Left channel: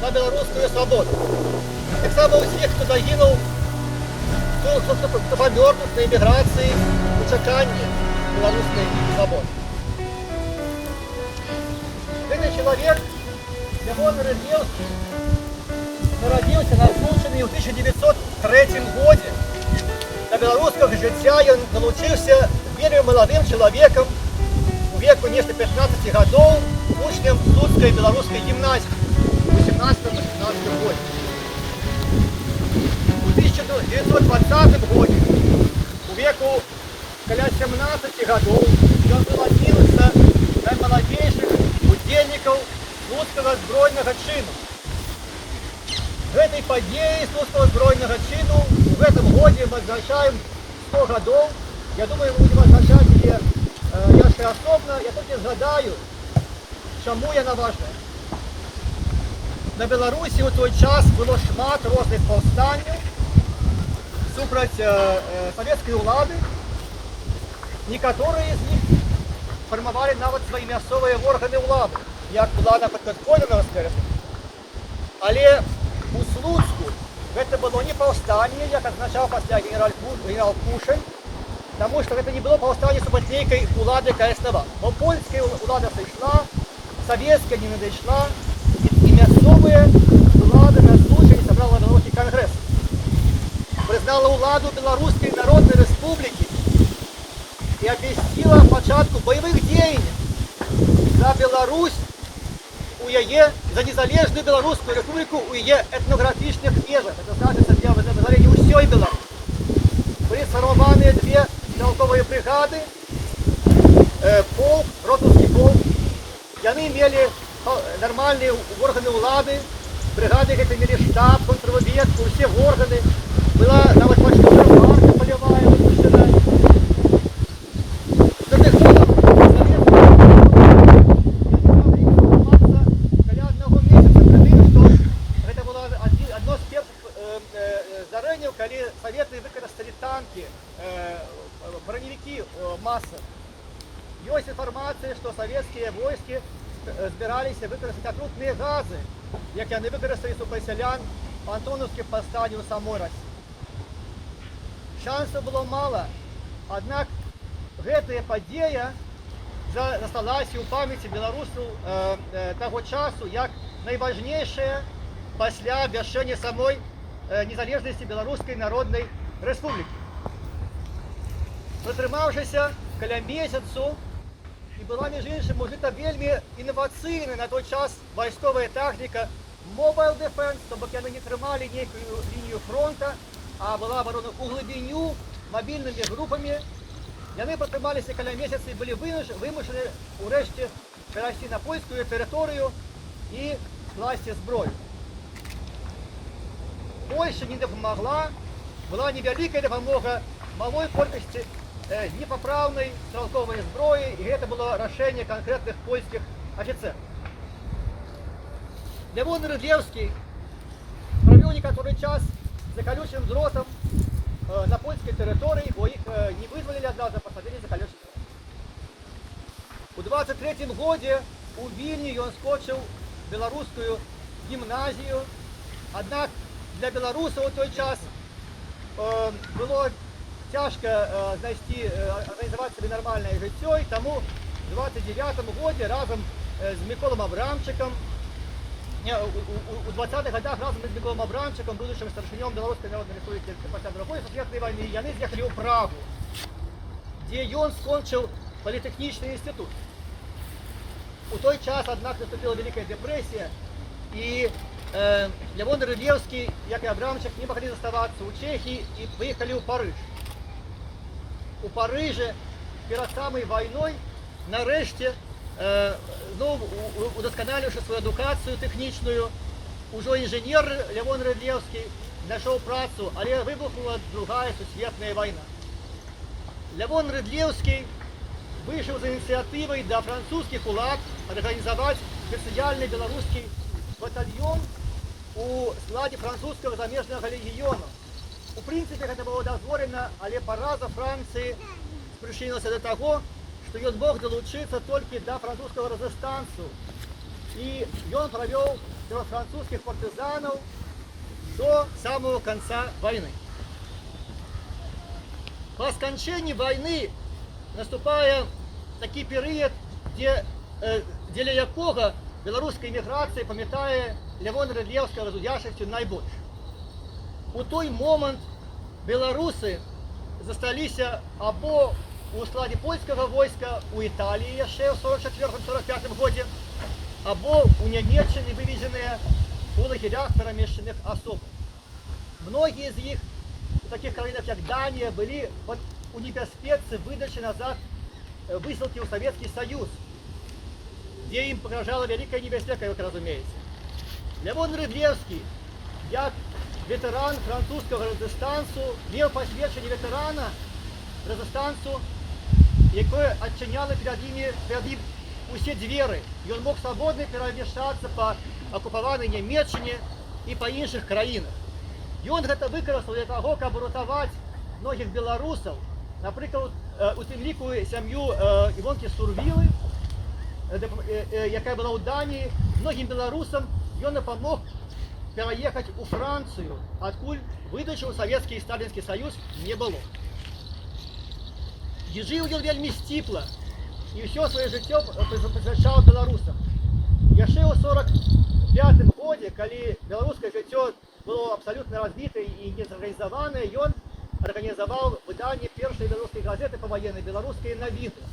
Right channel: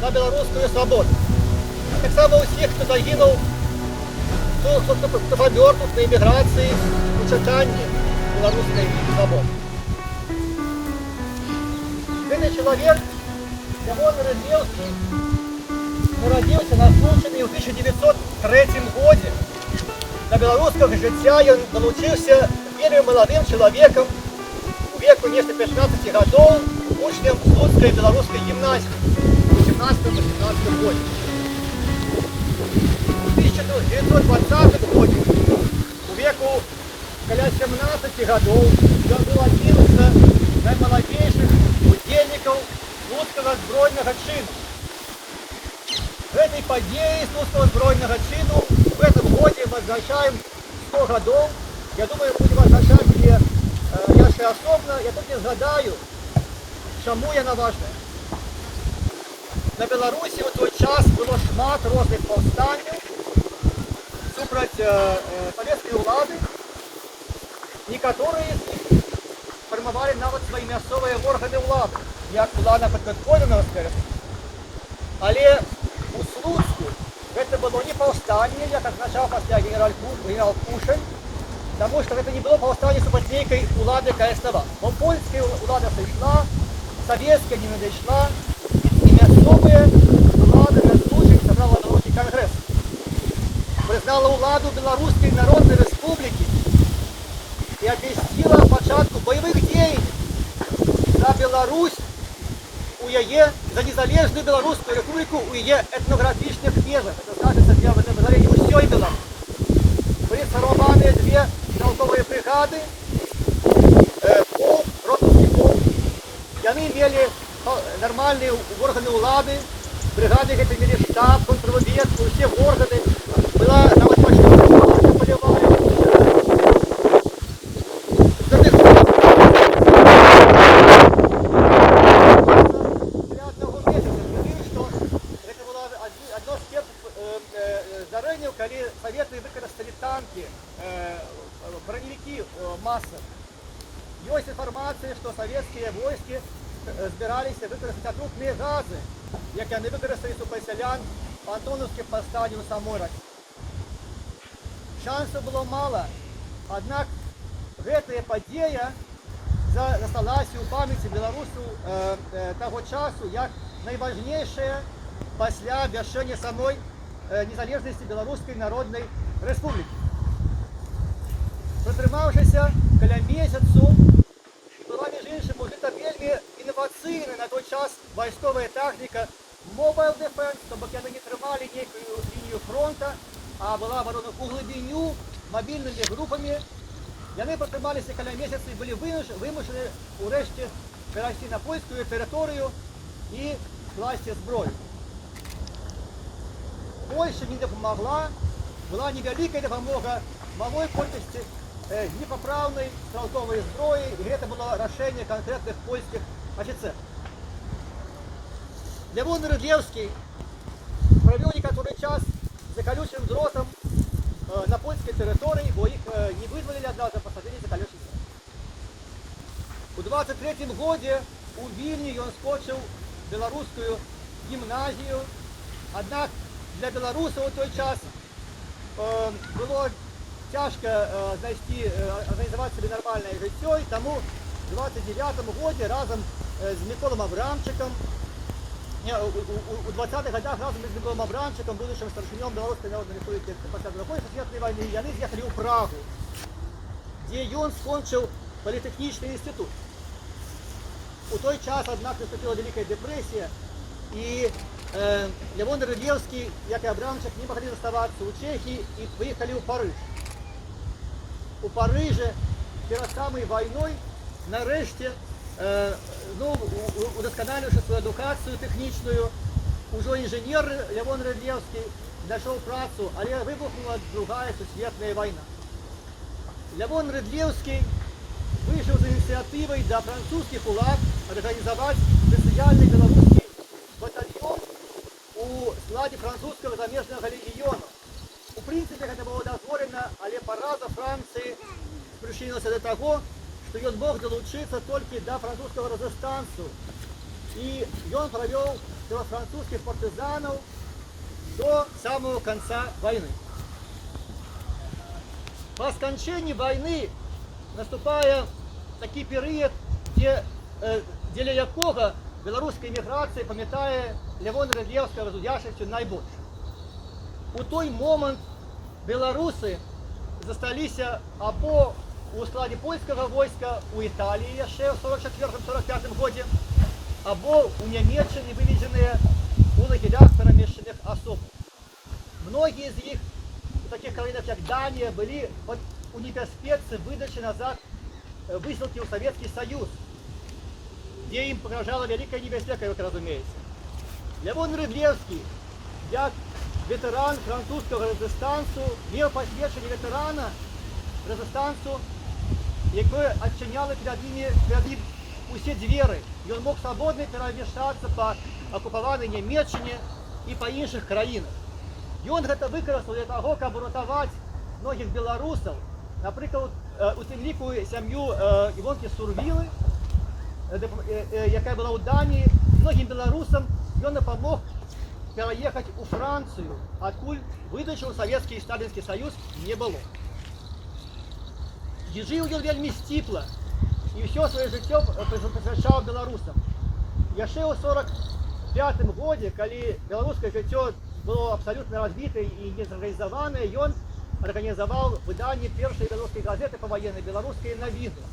на беларускую свабоду. Так само ўсіх, хто загінуў, хто памёр тут на эміграцыі у чаканні беларускай свабоды. Гэты чалавек, Лявон Рыдлеўскі, нарадзіўся на Случыны ў 1903 годзе. Да беларускага жыцця ён далучыўся вельмі маладым чалавекам, у веку нешта 15 гадоў, учнем Слуцкай беларускай гімназіі у 17-18 годзе. У 1920 годзе, у веку каля 17 гадоў, ён быў адзін з наймаладзейшых удзельнікаў Слуцкага збройнага чыну. Гэтай падзеі Слуцкага збройнага чыну в гэтым годзе мы адзначаем 100 гадоў. Я думаю, мы будем адзначаць яе яшчэ асобна. Я толькі згадаю, чаму яна важная. На Беларусі ў той час было шмат розных паўстанняў супраць савецкай улады. Некаторыя з іх фармавалі нават свае мясцовыя органы ўлады, як улада падпадколенага скажем. Але у Слуцку гэта было не паўстанне, як адзначаў пасля генерал Кушель, таму што гэта не было паўстанне супраць нейкай улады КСНВ. Бо польская улада сышла, савецкая не надышла, і мясцовыя улады на Случыне сабрала беларускі кангрэс. Прызнала ўладу Беларускай Народнай Рэспублікі і абвясціла пачатку баявых дзеянняў за Беларусь, у яе, за незалежную Беларускую Рэспубліку у яе этнаграфічных межах. Это значыцца для вызвалення ўсёй Беларусі. Былі сфармаваныя две стралковыя брыгады, полк, ротаўскі полк. Яны мелі нармальныя органы ўлады, брыгады гэта мелі штаб, контрразведку, усе органы. Была нават пачтовая служба палявая. Калі саветы выкарысталі танкі, броневікі масавы. Ёсць інфармацыя, што савецкія войскі збіраліся выкарыстаць атрутныя газы, як яны выкарысталі супраць сялян па антонаўскім паўстанні ў самой Расіі. Шансаў было мала, аднак гэтая падзея засталася ў памяці беларусаў таго часу як найважнейшая пасля абвяшчэння самой незалежнасці Беларускай Народнай Рэспублікі. Пратрымаўшыся каля месяцу, і была, між іншым, ужыта вельмі інавацыйная на той час вайсковая тэхніка Mobile Defense, то бок яны не трымалі нейкую лінію фронта, а была абарона ў глыбіню мабільнымі групамі. Яны пратрымаліся каля месяца і былі вымушаны ўрэшце перайсці на польскую тэрыторыю і класці зброю. Польша не дапамагла, была невялікая дапамога малой колькасці непапраўнай стралковай зброі, і гэта было рашэнне канкрэтных польскіх афіцэраў. Лявон Рыдлеўскі правёў некаторы час за калючым дротам на польскай тэрыторыі, бо іх не вызвалілі адразу, а пасадзілі за калючы дрот. У 23-м годзе у Вільні ён скончыў беларускую гімназію, аднак для беларусаў у той час было цяжка знайсці, арганізаваць сабе нармальнае жыццё, і таму у 29-м годзе разам з Міколам Абрамчыкам, у 20-х годах разам з Міколам Абрамчыкам, будучым старшынём Беларускай Народнай Рэспублікі пасля Другой сусветнай вайны, яны з'ехалі ў Прагу, дзе ён скончыў політэхнічны інстытут. У той час, аднак, наступила Вялікая дэпрэсія, і Лявон Рыдлеўскі, як і Абрамчык, не маглі заставацца ў Чэхіі і паехалі ў Парыж. У Парыжы перад самай вайной нарэшце, удасканаліўшы сваю адукацыю тэхнічную, ужо інжынер Лявон Рыдлеўскі знайшоў працу, але выбухнула Другая сусветная вайна. Лявон Рыдлеўскі выйшаў з ініцыятывай да французскіх улад арганізаваць спецыяльны беларускі батальён у складзе французскага замежнага легіёну. У прынцыпе, гэта было дазволена, але параза Францыі прычынілася да таго, што ён мог далучыцца толькі да французскага рэзістансу. І ён правёў до французских партизанов до самого конца войны. По скончании войны наступає такий період, для якого білоруська еміграція пам'ятає Левона Рыдлеўскага разудяшчасцю найбольш. У той момент беларусы засталіся або у складе польскага войска у Італіі яшчэ ў 44-45 годзе, або у Нямецчыны вывезеныя у лагерях перамешчаных асоб. Многія з іх у таких краінах, як Данія, былі у небяспецы выдачы назад высылкі ў Савецкі Саюз, дзе ім пагражала вялікая небяспека, як разумееце. Левон Рыдлеўскі, як ветэран французскага рэзістансу, меў пасведчанне ветэрана рэзістансу, якое адчыняло перад ім усе дзверы. Ён мог свабодна перамяшчацца па акупаванай Нямецчыне і па іншых краінах. Ён гэта выкарыстаў для таго, каб уратаваць многіх беларусаў, напрыклад, у тым ліку сям'ю Івонкі Сурвілы, якая была ў Даніі. Многім беларусам ён дапамог пераехаць у Францыю, адкуль выдачы ў Савецкі і Сталінскі Саюз не было. І жыў ён вельмі сціпла, і ўсё сваё жыццё прысвячаў беларусам. Яшчэ ў 45-м годзе, калі беларускае жыццё было абсалютна разбітае і незарганізаванае, ён арганізаваў выданне першай беларускай газеты паваеннай «Беларускія навіны».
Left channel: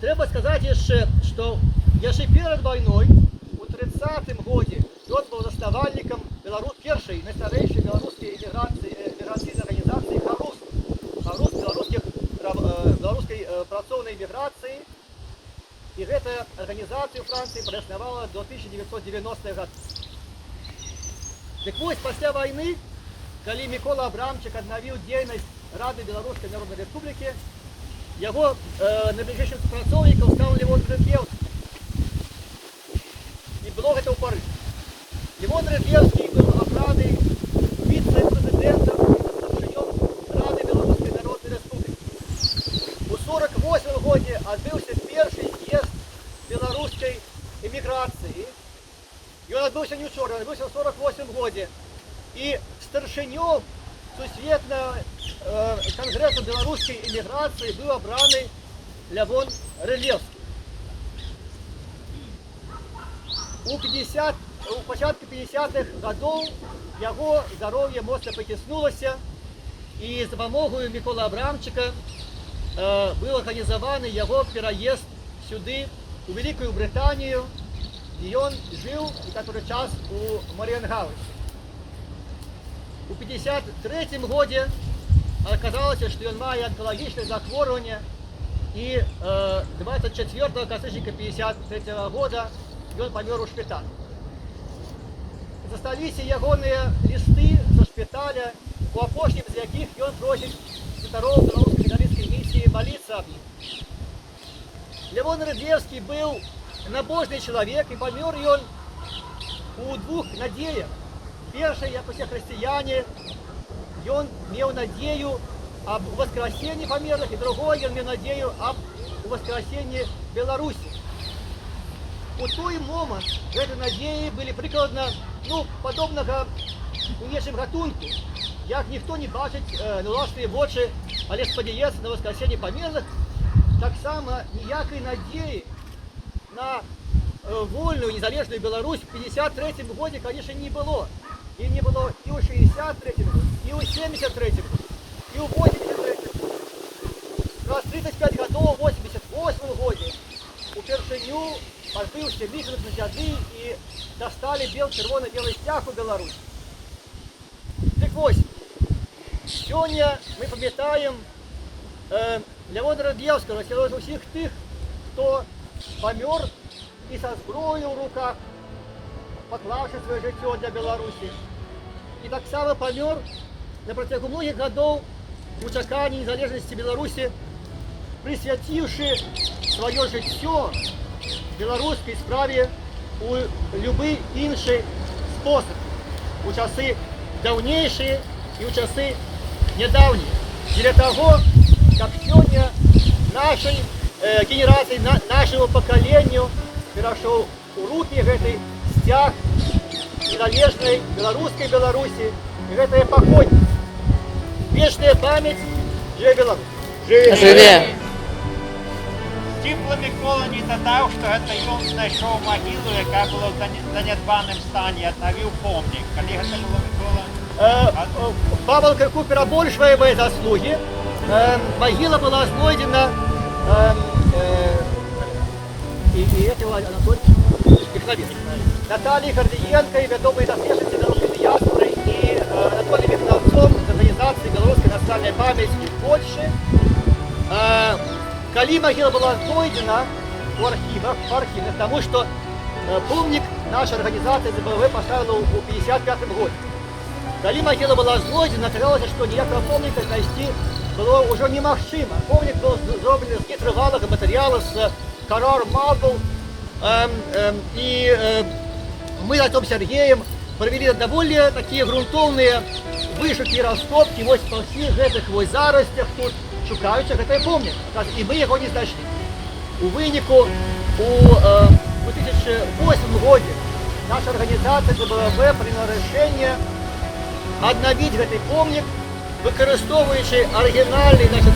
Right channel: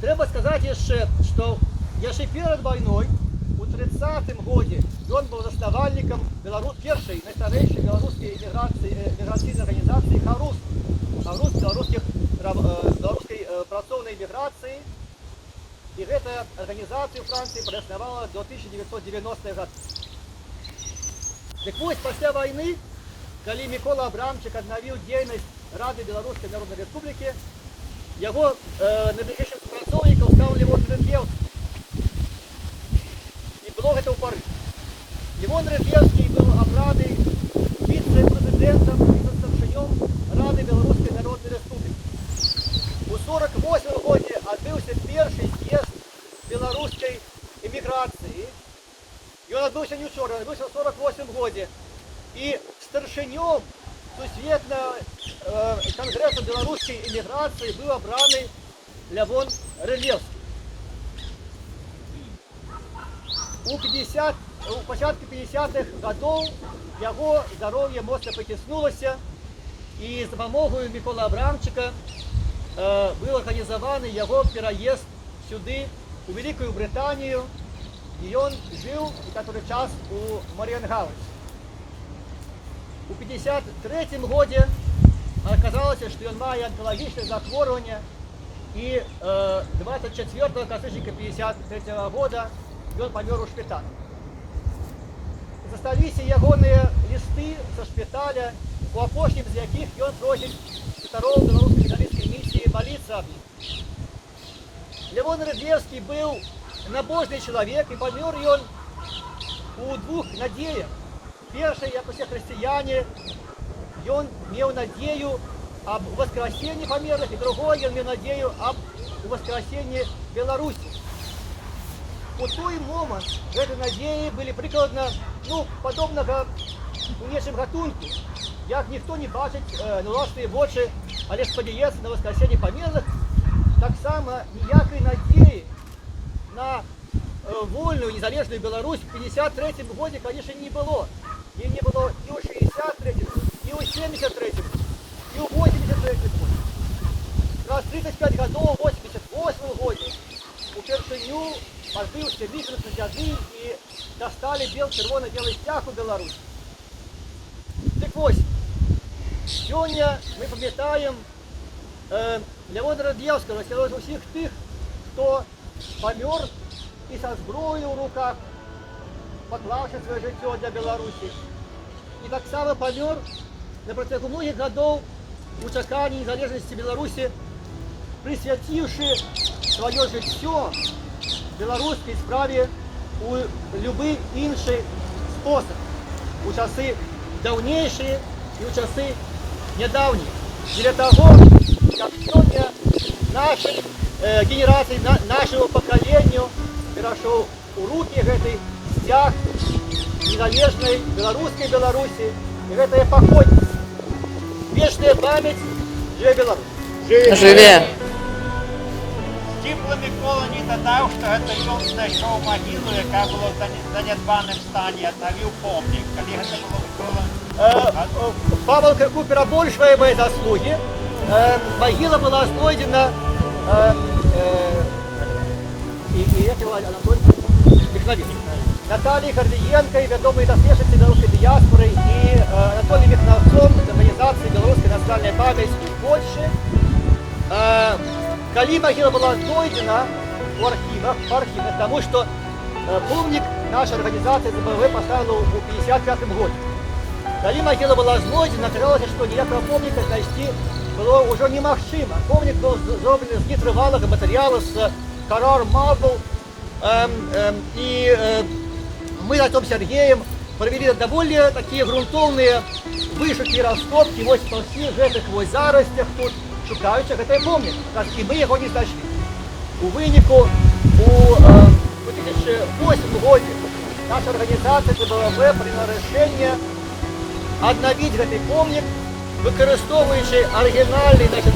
Трэба сказаць яшчэ, што яшчэ перад вайной, у 30-м годзе, ён быў заснавальнікам першай найстарэйшай беларускай эміграцыйнай арганізацыі «Харус». «Харус» беларускай працоўнай эміграцыі. І гэтая арганізацыя ў Францыі праіснавала до 1990-х гадоў. Дык вось, пасля вайны, калі Мікола Абрамчык аднавіў дзейнасць Рады Беларускай Народнай Рэспублікі, яго найбліжэйшым супрацоўнікам стаў Левон Рыдлеўскі. І было гэта ў Парыжы. Левон Рыдлеўскі быў абраны віцэ-прэзідэнтам і старшынём Рады Беларускай Народнай Рэспублікі. У 48-м годзе адбыўся першы з'езд беларускай эміграцыі. Ён адбыўся не ўчора, ён адбыўся ў 48-м годзе. І старшынём сусветнага кангрэсу беларускай эміграцыі быў абраны Левон Рыдлеўскі. У пачатку 50-х гадоў яго здароўе моцна паціснулася, і з дапамогаю Міколы Абрамчыка быў арганізаваны яго пераезд сюды, у Вялікую Брытанію, і ён жыў некаторы час у Марыенгаусе. У 53-м годзе аказалася, што ён мае анкалагічнае захворванне, і 24 кастрычніка 53-го года ён памёр у шпіталі. Засталіся ягоныя лісты са шпіталя, у апошнім з якіх ён просіць святароў беларускай каталіцкай місіі маліцца аб ім. Левон Рыдлеўскі быў набожны чалавек, і памёр ён у двух надзеях. Першай, як усе хрысціяне, ён меў надзею аб воскресенні памерлых, і другой ён меў надзею аб воскресенні Беларусі. У той момант гэтай надзеі былі прыкладна падобнага у нечым гатунку, як ніхто не бачыць на ўласныя вочы, але спадзяецца на воскресенне памерлых. Таксама ніякай надзеі на вольную незалежную Беларусь в 53-м годзе, конечно, не было. І не было і ў 63-м годзе, і ў 73-м, і ў 83-м годзе. Праз 35 гадоў у 88-м годзе упершыню адбыўся мітынг на дзяды і дасталі чырвона-белы сцяг у Беларусі. Дык вось, сёння мы памятаем Левона Рыдлеўскага сярод усіх тых, хто памёр і са зброёю ў руках, паклаўшы сваё жыццё для Беларусі. І таксама памёр на працягу многіх гадоў у чаканні незалежнасці Беларусі, прысвяціўшы сваё жыццё беларускай справе у любы іншы спосаб, у часы даўнейшыя і ў часы нядаўнія. Для таго, каб сёння нашай генерацыі, нашаму пакаленню перашоў у рукі гэты сцяг незалежнай беларускай Беларусі. І гэтая паходнасць. Вечная памяць, жыве Беларусь. Жыве! Ціпла Микола не додав, що це ён знайшов могилу, яка була в занедбаному стані, відновив помник. Коли це Ціпла Микола? Павел Купер обольшивая мои заслуги. Могила была знойдена и этого Анатолия Михновец. Натальей Гордиенко, ведомой доследователь белорусской диаспоры, и Анатолием Михновцом из организации «Белорусская национальная память» в Польше. Коли могила была знойдена в архивах, потому что помник наша организация ЗБВ поставила в 1955 году. Коли могила была знойдена, оказалось, что ніякого помника знайти было уже немагчыма. Помник был сделан из нетрывалых материалов, с корар магов. И мы на том Сергеем провели довольно такие грунтовные вышуки и раскопки. Вот по всех этих вот заростях тут шукаються гэты помнік. І ми його не знайшли. У выніку у 2008 году наша организация ЗБВ приняла решение обновить гэты помнік, выкарыстоўваючы оригинальный, значит,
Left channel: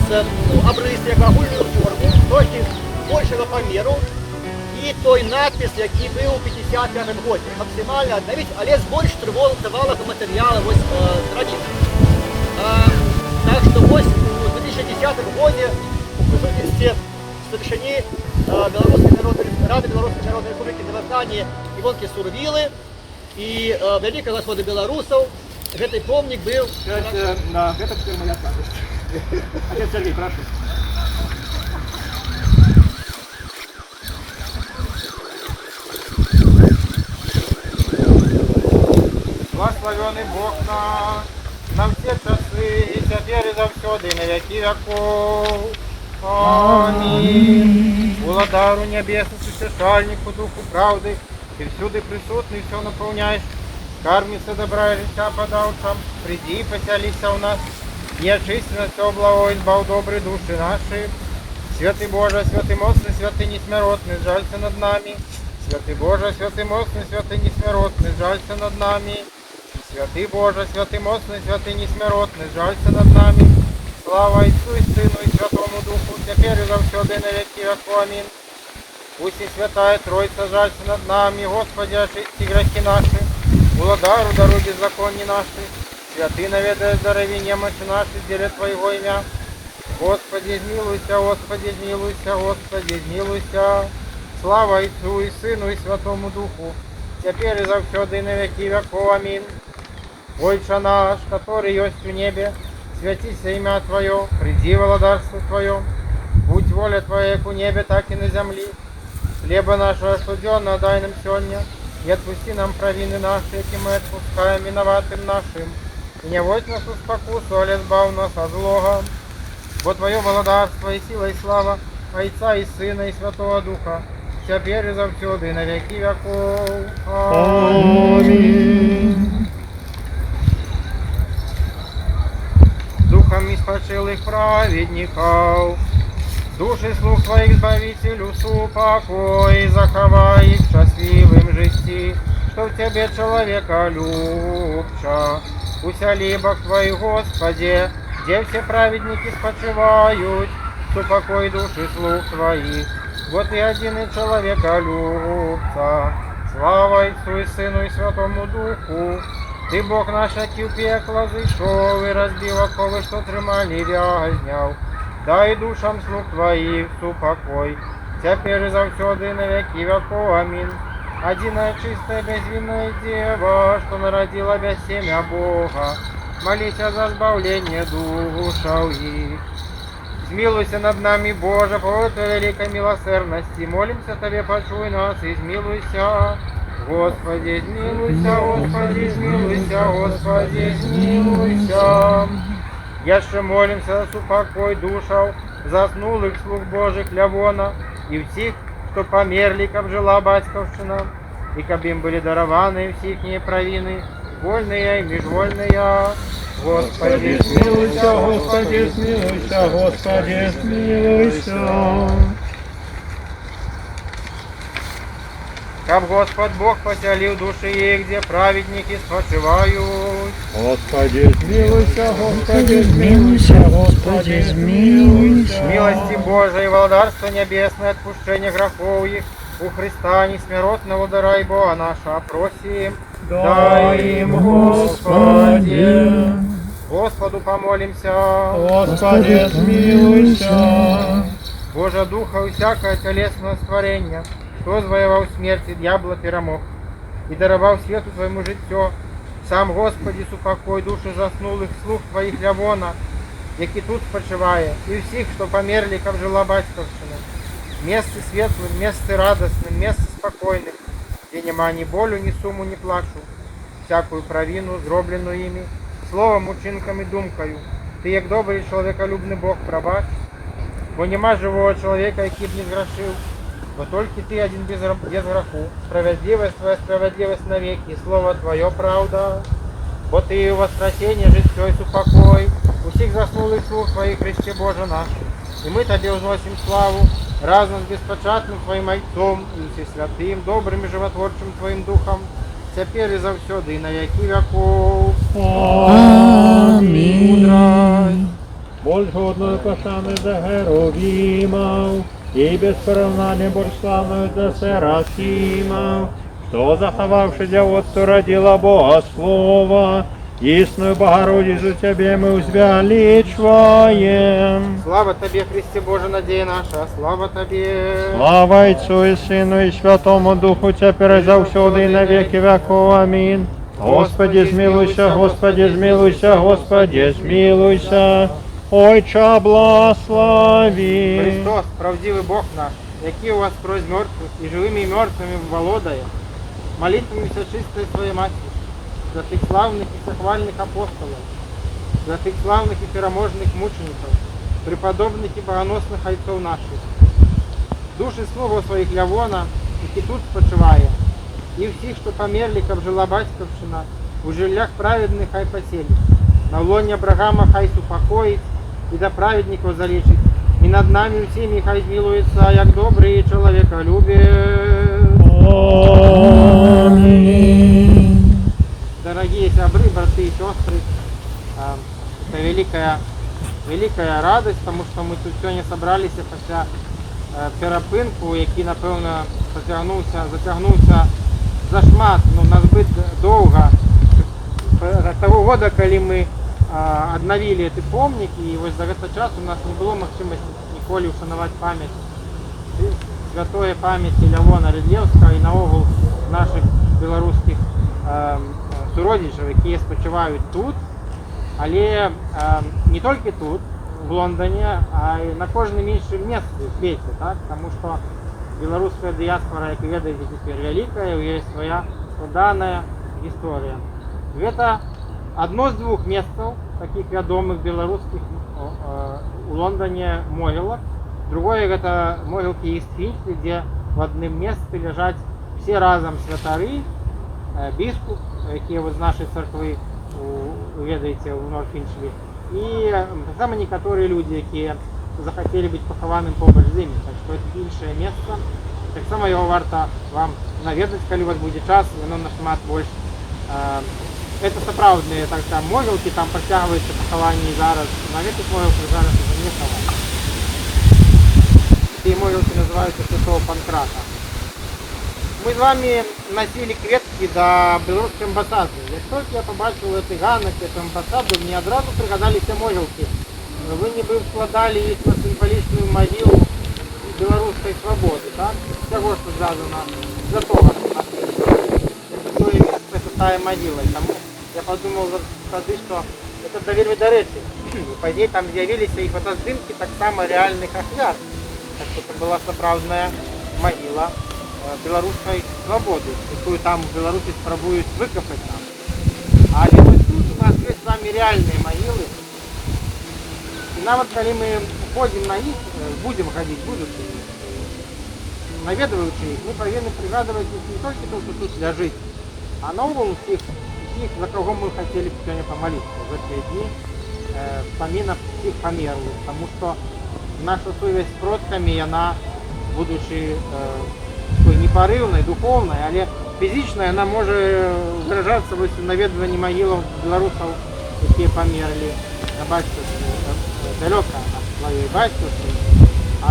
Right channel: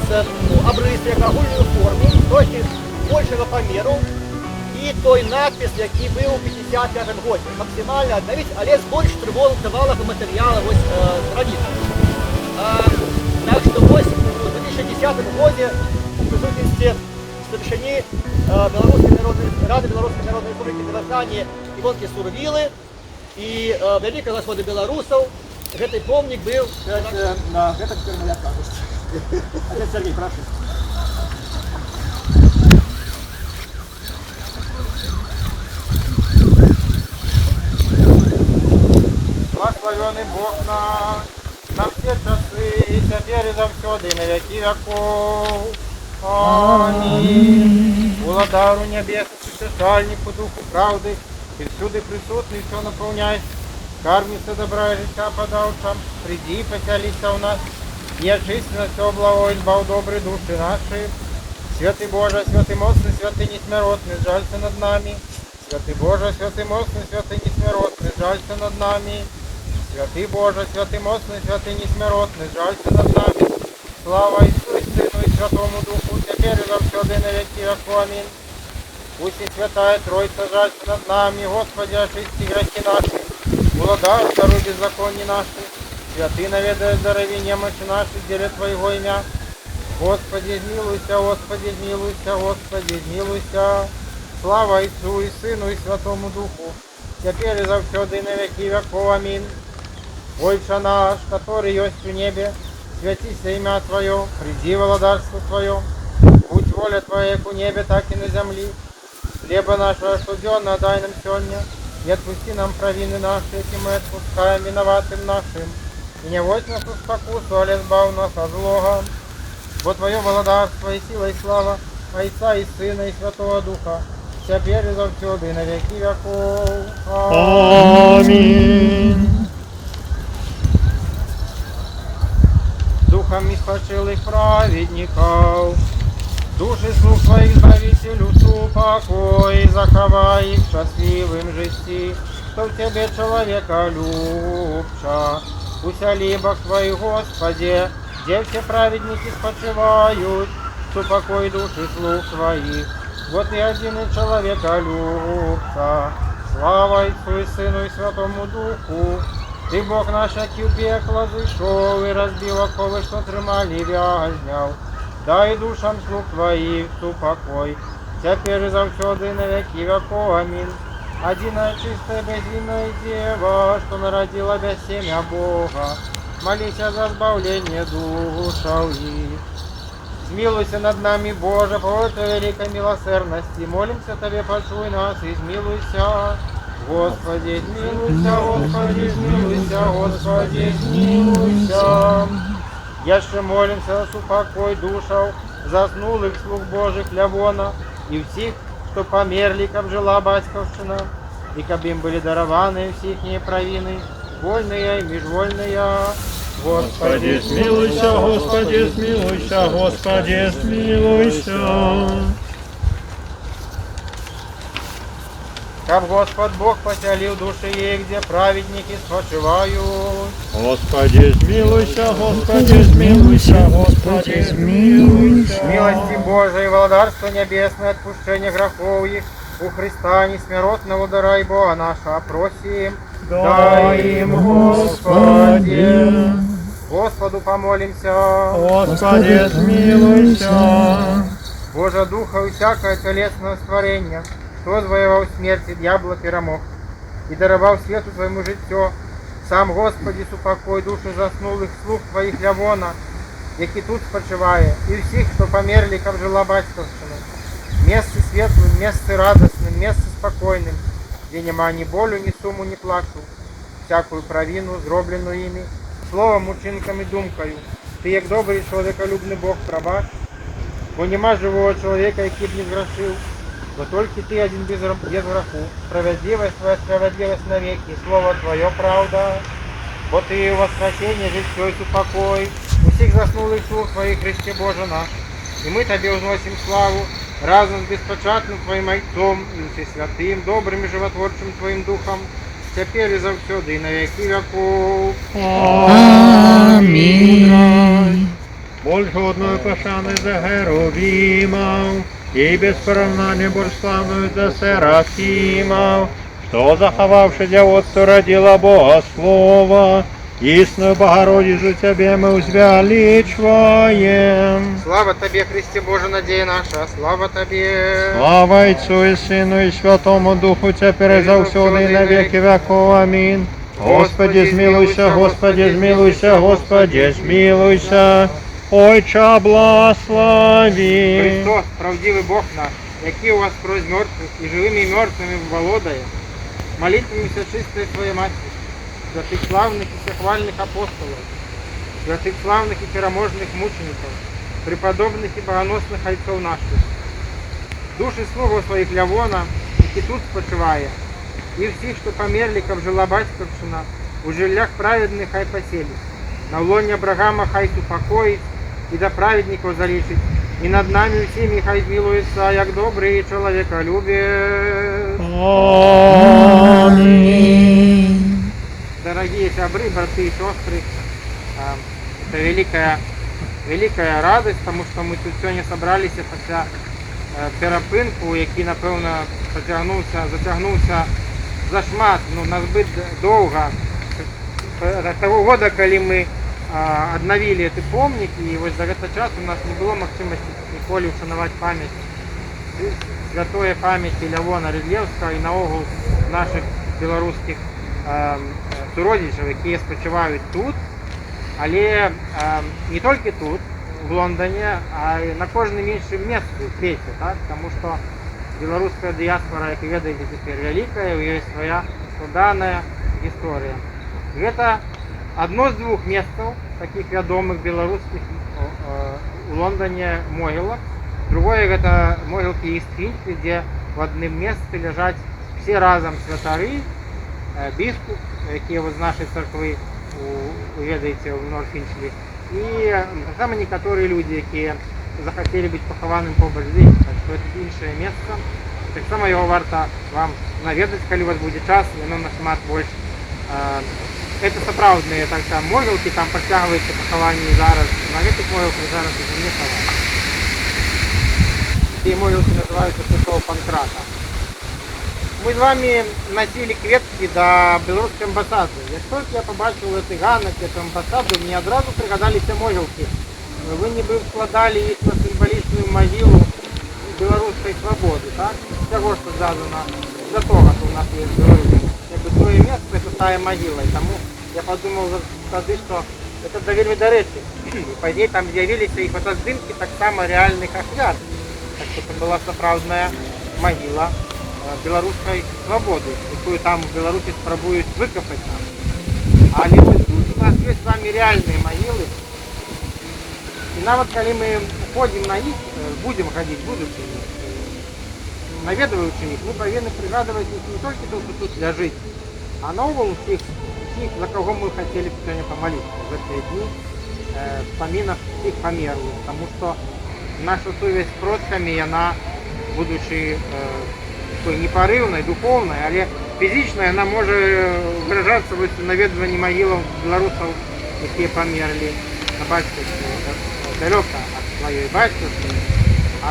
обрыс, як агульную форму, трохи большего померу, и той надпись, який был у 1955 году. Максимально обновить, але з больш тривалого материала вот, традиций. Так что вот в 2010 году в присутствии старшини Рады Белорусской Народной Республики Казахстане Ивонки Сурвилы и великого господа белорусов этот помник был на это теперь моя радость. Отец Сергей, прошу. Благословенный Бог наш, на все часы, и теперь и завсёды, на веки веков. Аминь. Владару небесный, существальнику, духу правды, и всюду присутный, все наполняешь. Кармица добра и життя подавшам, приди и поселися у нас, и очисти нас все благо, избав добрые души наши. Святый Боже, святый мощный, святый несмиротный, жалься над нами. Святый Боже, святый мощный, святый несмиротный, жалься над нами. Святый Боже, святый мощный, святый несмиротный, жалься над нами. Слава Ісу і Сину і Святому Духу, теперь и завсёды на веки веков. Аминь. Пусть и Святая Троица жалься над нами, Господи, очисти грехи наши, Владару даруй беззаконие наши, святый наведай здоровье немощи наши, деле Твоего имя. Господи, измилуйся, Господи, измилуйся, Господи, измилуйся. Слава Ісу і Сину і Святому Духу, теперь и завсёды на веки веков. Аминь. Отче наш, который есть в небе, святися имя Твое, приди владарство Твое, будь воля Твоя как у небе, так и на земле. Хлеба нашего ежедневного дай нам сегодня, и отпусти нам провины наши, эти мы отпускаем виноватым нашим. И не вводь нас в спокусу, але избав нас от злого. Бо Твое владарство и сила и слава Отца и Сына и Святого Духа, теперь и завсёды и на веки веков. Аминь. Духом испочилых праведников, души слуг Твоих, Избавителю, супокой, заховай их в счастливым житті, что в Тебе человека любча. Усяли Бог Твой, Господи, где все праведники спочивают, супокой души слуг Твоих. Вот и один и человека любца. Слава Отцу и Сыну и Святому Духу. Ти Бог наш, який в пекло зійшов і розбив окови, що тримали в'язняв. Дай душам слуг Твоїх супокой, теперь и завсёды на веки веков. Аминь. Одиная чистая безвинная дева, что народила без семя Бога, молися за избавление душаў их. Змилуйся над нами, Боже, по Твоей великой милосердности. Молимся Тебе, почуй нас и змилуйся. Господи, змилуйся, Господи, змилуйся, Господи, змилуйся. Яще молимся за супокой душаў заснулых слуг Божих Лявона и всех, кто померли, как жила батьковщина, и как им были дарованы всихние провины, вольные и межвольные. Господи, Смилуйся, Господи, смилуйся, Господи, смилуйся. Каб Господь Бог поселил души их, где праведники спочивают. Господи, змилуйся, Господи, змилуйся, Господи, змилуйся. Милости Божией, владарство небесное, отпущение грехов их, у Христа несмиротного дара и Бога наша, просим, дай им, Господи. Господу помолимся. Господи, змилуйся. Божа Духа и всякое телесное створение, кто завоевал смерть и дьявола перемог, и даровал свету твоему життю, сам Господи, супокой души заснулих слух твоих лявона, які тут спочиває, і всіх, що померли, як жила батьківщина. Место светлым, место радостным, место спокойным, где нема ни болю, ни суму, ни плачу, всякую провину, зроблену ими, словом, учинком і думкою. Ти, як добрий чоловіколюбний Бог, пробач, бо нема живого чоловіка, який б не згрішив, бо тільки ти один без греху, справедливость твоя справедливость навеки, слово твоє правда, бо ти воскресіння, життя і супокой, усіх заснулих слуг твоїх, Христе Боже наш, і ми тобі узносим славу, разом з безпочатним твоїм Отцом і Всесвятим, добрим і животворчим твоїм Духом, тепер і завсюди, і на віки веков. Амінь. Больше одної пошани за Геровімов, і без поравнання больш славною за Серафімов, що заховавши дівоцтво родила Бога Слова, істинную Богородицу Тебе мы возвеличиваем. Слава Тобі, Христе Боже, надія наша, слава Тобі. Слава Отцу и Сыну и Святому Духу, теперь и завсюду и на веки веков. Аминь. Господи, змилуйся, Господи, змилуйся, Господи, змилуйся. Ойче, благослови. Христос, правдивий Бог наш, який у вас кровь мертвых и живыми и мертвыми володає, молитвамися чистої Своєї Матері, святых славных и всехвальных апостолов, святых славных и переможных мучеников, преподобных и богоносных отцов наших, души слугов своих Лявона, які тут спочиває, і всіх, що померли, як жила батьківщина, у жиллях праведних хай поселить, на лоні Абрагама хай супокоїть, і до праведників залічить, і над нами всіми хай змилується, як добрий чоловіколюбець. Аминь. Дорогие сябры, браты и сестры, это великая радость, потому что мы тут сегодня собрались після перепинку, який, напевно, затягнувся зашмат, назбит довго. Того года, коли ми обновили этот помник, и вот за этот час у нас не было можливости ніколи вшанувати пам'ять, святої пам'яті Лявона Рідлєвського і наогул наших білоруських суродичів, які спочивають тут, але не тільки тут, в Лондоні, а й на кожному іншому місці в світі, так? Тому що білоруська діаспора, як ви ведаєте, тепер велика, у неї є своя складана історія. І це одно з двох місць, таких відомих білоруських у Лондоні могилок. Другое – это могилки Ист-Финчли, где в одном месте лежат все разом святари, біскуп, які з нашої церкви ведаєте в Норфінчлі, і так само некоторі люди, які захотели бути похованим побач з ним. Так що це інше місце. Так само його варто вам навідати, коли у вас буде час, воно нашмат більше. Це справжні могилки, там протягуються поховання зараз. На цих могилках зараз вже не ховають. Ці могилки називаються Святого Панкрата. Ми з вами носили кветки до білоруської амбасади. Як тільки я побачив цей ганок, цю амбасаду, мені одразу пригадалися могилки. Ви ніби вкладали їх на символічну могилу білоруської свободи, так? Всього, що зв'язано за того, що у нас є своє місце, це та могила. Тому я подумав тоді, що це доволі до речі. І пізніше там з'явилися і фотоздимки так само реальних ахвяр. Так що це була справжня могила білоруської свободи, яку там в Білорусі спробують викопати нам. Але ось тут у нас є з вами реальні могили. І навіть коли ми ходимо на них, будемо ходити, будучи навідуючи їх, ми повинні пригадувати не тільки те, що тут лежить, а наогул всіх, за кого ми хотіли б сьогодні помолитися в ці дні, вспоминав всіх померлих, тому що наша совість з предками, вона, будучи такой непарыўнай, духовнай, але фізічнай яна можа выражацца вось у наведванні магілаў беларусаў, якія памерлі на бацькаўшчыне, далёка ад сваёй бацькаўшчыны,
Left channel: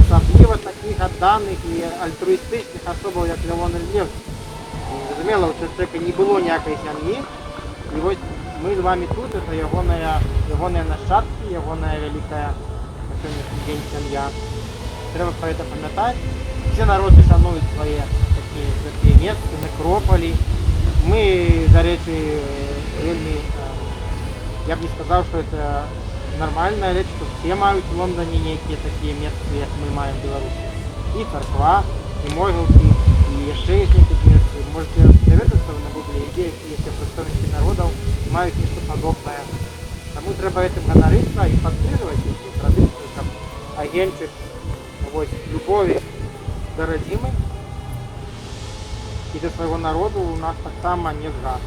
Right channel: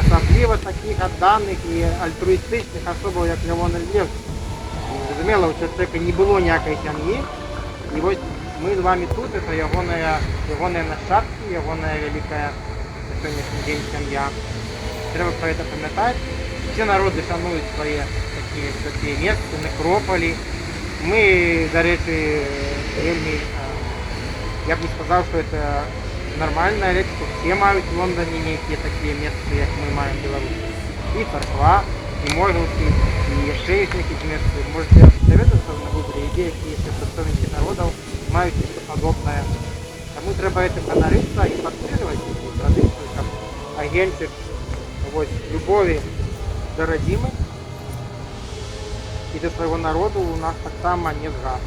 асабліва такіх адданых і альтруістычных асобаў, як Лявон Ільлевскі. Зразумела, у чалавека не было ніякай сям'і, і вось мы з вами тут, это ягоныя нашчадкі, ягоная вялікая на сённяшні дзень сям'я. Трэба пра гэта памятаць. Все народы шануюць свае такія святыя месцы, некропалі. Мы, дарэчы, вельмі, я б не сказаў, што это нормальная рэч, што все маюць у Лондоне нейкія такія месцы, як мы маем беларусы. І царква, і могілкі, і яшчэ ёсць нейкіх месцы. Можете даведацца на гугле, ідзе, якія прадстаўнікі народаў маюць нешта падобнае. Таму трэба гэтым ганарыцца і падтрымліваць гэтую традыцыю, каб агеньчык любові да радзімы і да свайго народу у нас таксама не згас.